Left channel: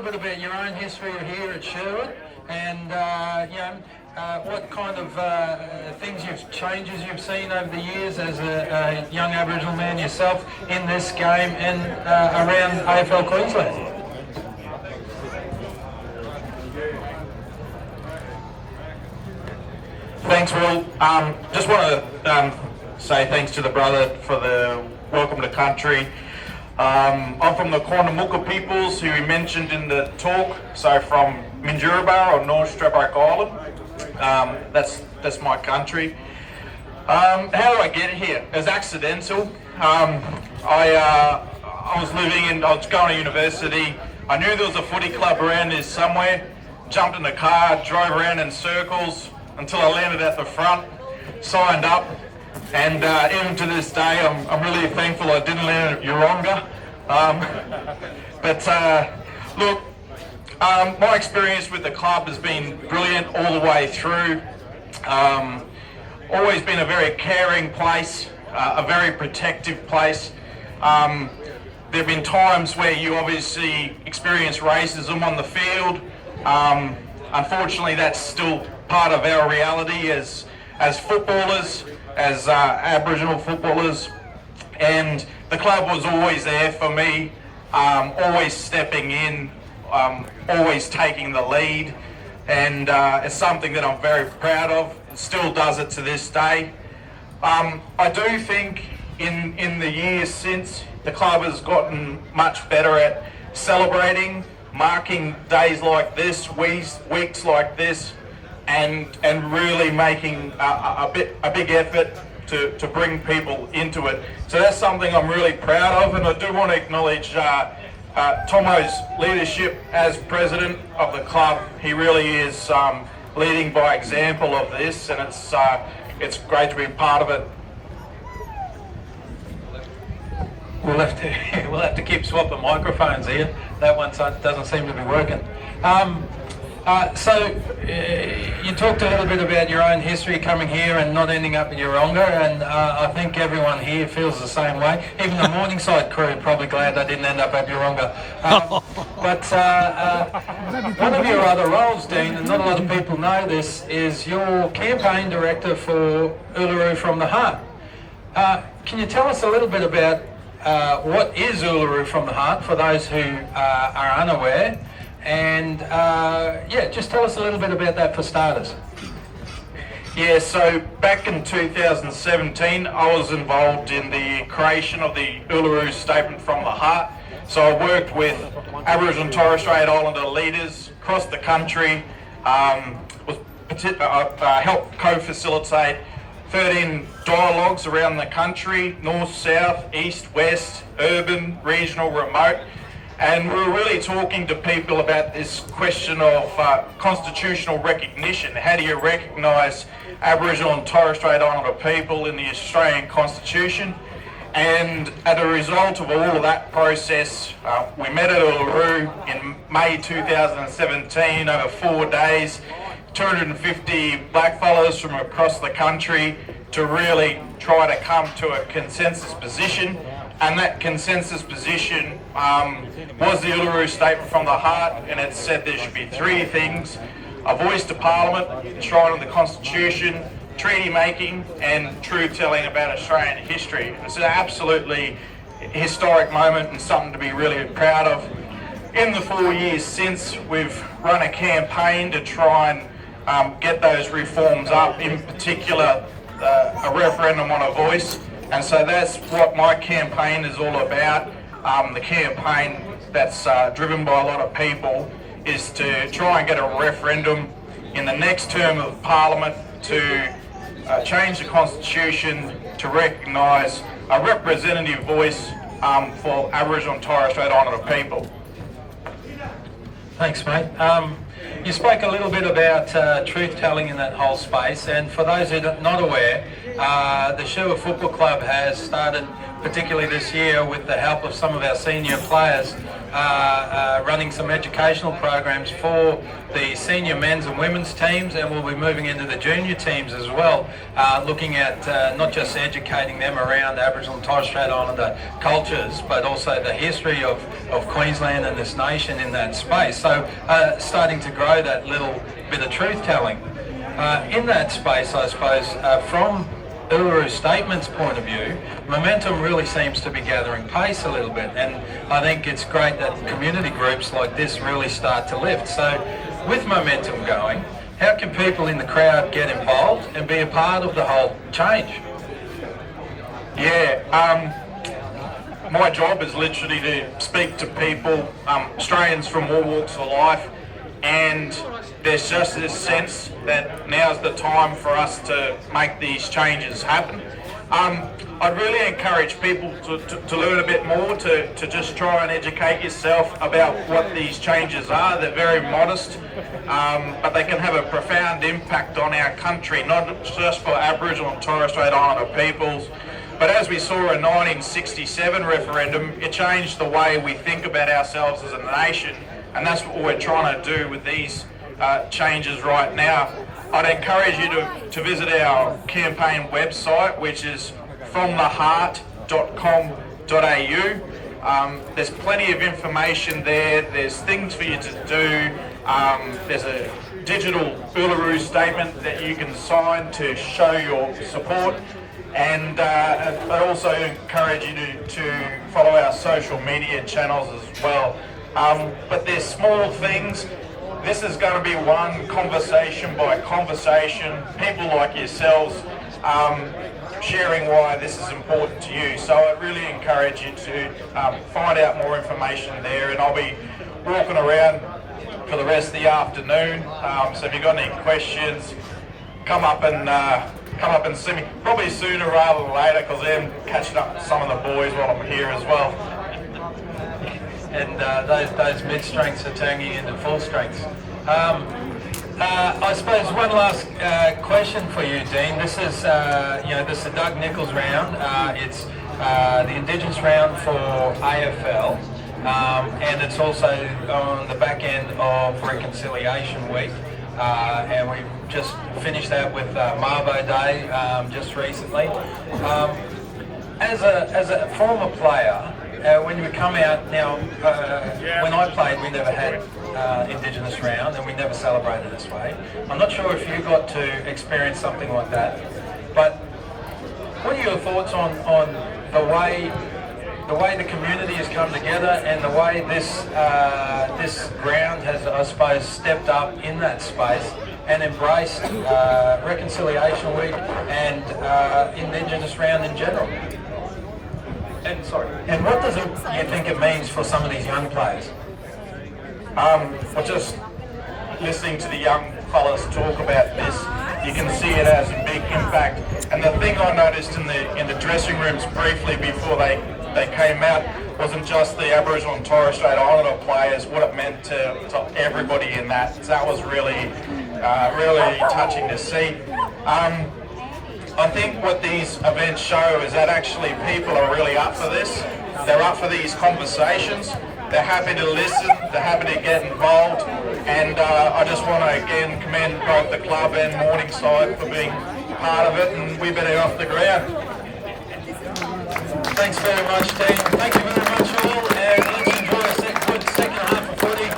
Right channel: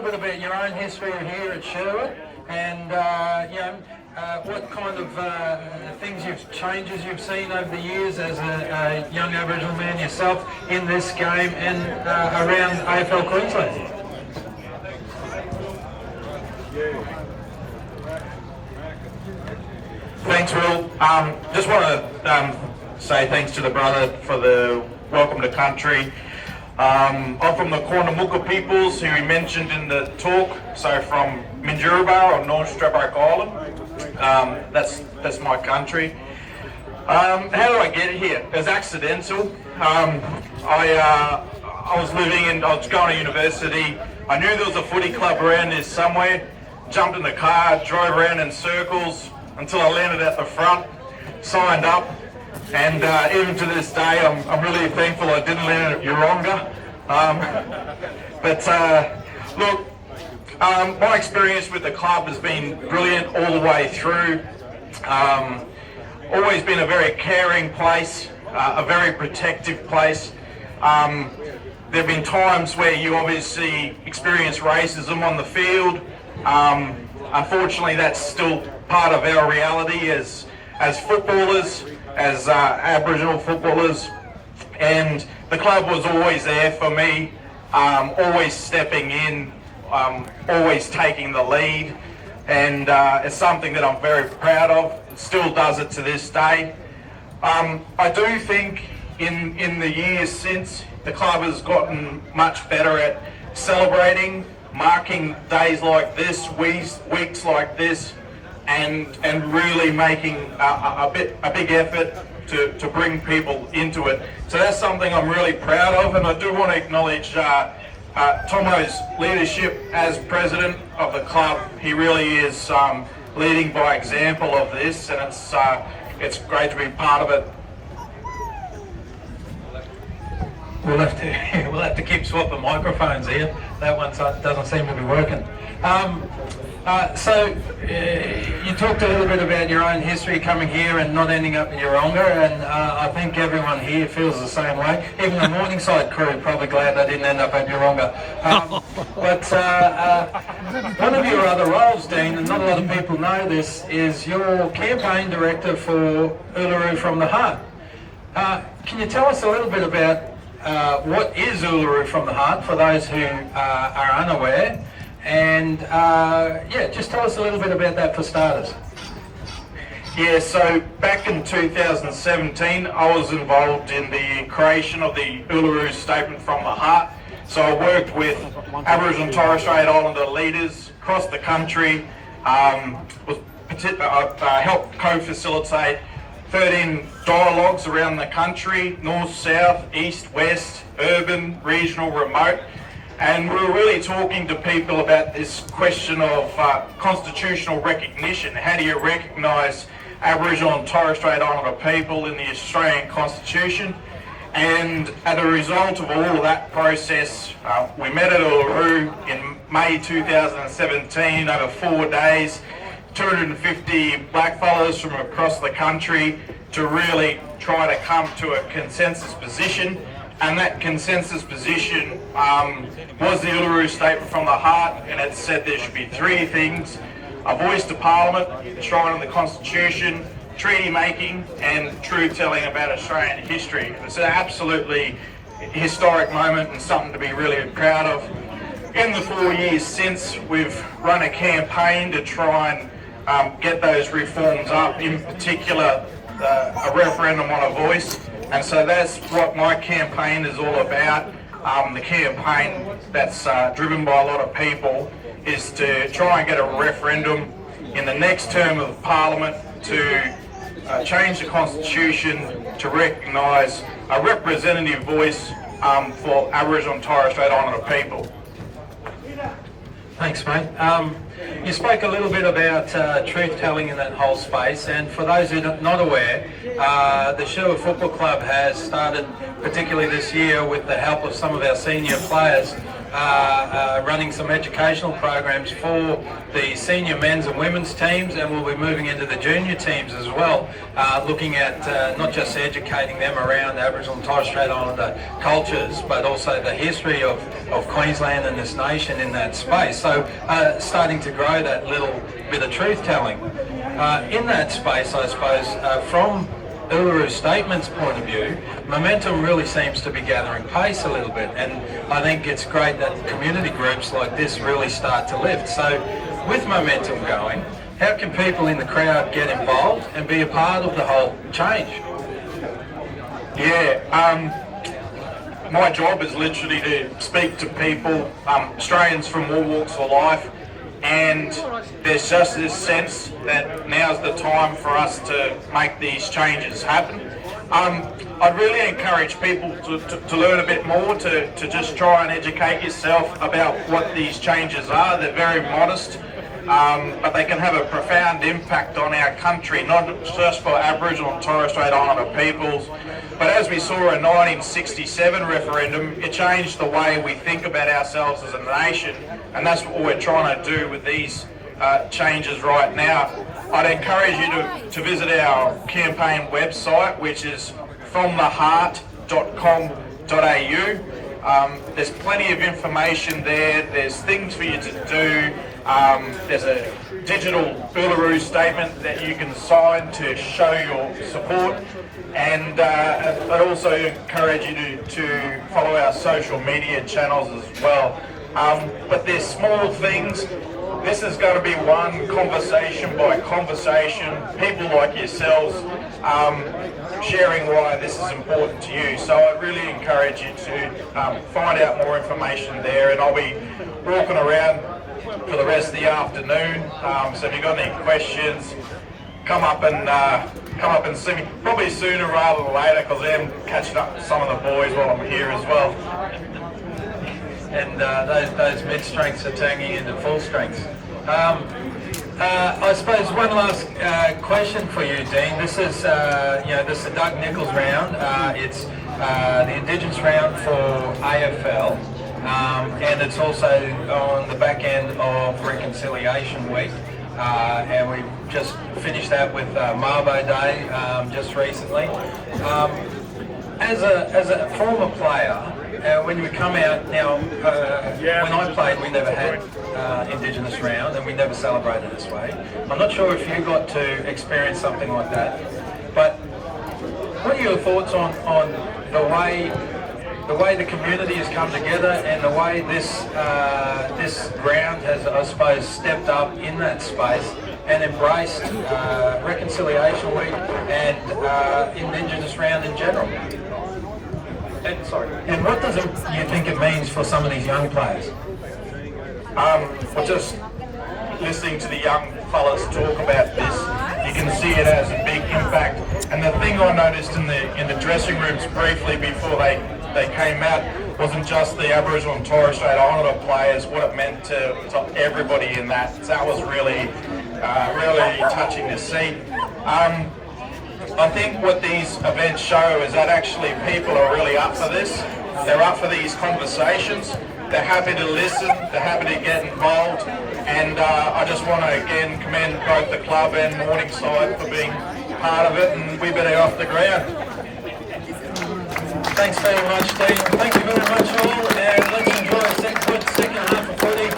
little bit about your own history here at Sherwood and what kind of changes you've seen over the years as a young Aboriginal man yourself in this game and around AFL Queensland? Thanks, Will. Just want to say thanks to the brother for the welcome to country. I'm from the Cornamuka peoples who he mentioned in the talk, so from Minjuraba or North Stradbroke Island. That's my country. How did I get here? It was accidental. I was going to university. I knew there was a footy club around here somewhere. Jumped in the car, drove around in circles until I landed at the front, signed up, and even to this day I'm really thankful I didn't land at Yeronga. Look, my experience with the club has been brilliant all the way through. Always been a very caring place, a very protective place. There have been times where you obviously experience racism on the field. Unfortunately, that's still part of our reality as footballers, as Aboriginal footballers, and the club was always there for me, always stepping in, always taking the lead, and it's something that I'm very proud of. It still does it to this day. I do think in the years since, the club has gotten much better at celebrating, marking days like this, weeks like this, and really making a big effort to bring people into it. So that's something I'm really proud of, and I do want to acknowledge Tomo's leadership as president of the club. He really is leading by example of this, and it's great to be part of it. We'll have to keep swapping microphones here. That one doesn't seem to be working. So you talked a little bit about your own history coming here and not ending up in Yeronga, and I think everyone here feels the same way. Even the Morningside crew are probably glad they didn't end up at Yeronga. One of your other roles, Dean, and not a lot of people know this, is you're campaign director for Uluru from the Heart. Can you tell us a little bit about what is Uluru from the Heart for those who are unaware? And just tell us a little bit about that for starters. Yeah, so back in 2017, I was involved in the creation of the Uluru Statement from the Heart. So I worked with Aboriginal and Torres Strait Islander leaders across the country, helped co-facilitate 13 dialogues around the country, north, south, east, west, urban, regional, remote. And we're really talking to people about this question of constitutional recognition. How do you recognise Aboriginal and Torres Strait Islander people in the Australian Constitution? And as a result of all of that process, we met at Uluru in May 2017 over 4 days, 250 blackfellas from across the country to really try to come to a consensus position. And that consensus position was the Uluru Statement from the Heart, and it said there should be 3 things: a voice to Parliament, enshrined in the Constitution, treaty making, and truth-telling about Australian history. It's an absolutely historic moment and something to be really proud of. In the 4 years since, we've run a campaign to try and get those reforms up, in particular a referendum on a voice. And so that's what my campaign is all about. The campaign that's driven by a lot of people is to try and get a referendum in the next term of Parliament to change the Constitution to recognise a representative voice for Aboriginal and Torres Strait Islander people. Thanks, mate. You spoke a little bit about truth-telling in that whole space, and for those who are not aware, the Sherwood Football Club has started, particularly this year with the help of some of our senior players, running some educational programs for the senior men's and women's teams, and we'll be moving into the junior teams as well, looking at not just educating them around Aboriginal and Torres Strait Islander cultures, but also the history of Queensland and this nation in that space. So starting to grow that little bit of truth-telling. In that space, I suppose, from Uluru Statement's point of view, momentum really seems to be gathering pace a little bit, and I think it's great that community groups like this really start to lift. So with momentum going, how can people in the crowd get involved and be a part of the whole change? Yeah, my job is literally to speak to people, Australians from all walks of life, and there's just this sense that now's the time for us to make these changes happen. I'd really encourage people to learn a bit more, to just try and educate yourself about what these changes are. They're very modest, but they can have a profound impact on our country, not just for Aboriginal and Torres Strait Islander peoples, but as we saw in 1967 referendum, it changed the way we think about ourselves as a nation, and that's what we're trying to do with these changes right now. I'd encourage you to visit our campaign website, which is fromtheheart.com.au. There's plenty of information there. There's things for you to do. There's a digital Uluru statement that you can sign to show your support. And I'd also encourage you to follow our social media channels as well. But there's small things. This is going to be one conversation by conversation, people like yourselves sharing why this is important to you. So I'd really encourage you to find out more information there, and I'll be walking around for the rest of the afternoon. So if you've got any questions, come up and see me. Probably sooner rather than later, because I'm catching up with some of the boys while I'm here as well. And those mid-strengths are turning into full strengths. I suppose one last question for you, Dean. This is this is the Doug Nichols round. It's the Indigenous round for AFL, and it's also on the back end of Reconciliation Week. And we've just finished that with Mabo Day just recently. As a former player, when we come out now, when I played, we never had Indigenous round, and we never celebrated this way. I'm not sure if you got to experience something like that, but what are your thoughts on the way the community has come together, and the way this ground has, I suppose, stepped up in that space and embraced Reconciliation Week and Indigenous round in general? And what does you think it means for some of these young players? Well, just listening to the young fellas talk about this, you can see it has a big impact. And the thing I noticed in the dressing rooms briefly before they came out wasn't just the Aboriginal and Torres Strait Islander players, what it meant to everybody in that. That was really touching to see. I think what these events show is that actually people are really up for this. They're up for these conversations. They're happy to listen. They're happy to get involved. And I just want to again commend both the club and Morningside for being part of it. And we better get off the ground. Thanks very much, Dean. Thank you very much all. And let's enjoy a good second half of footy.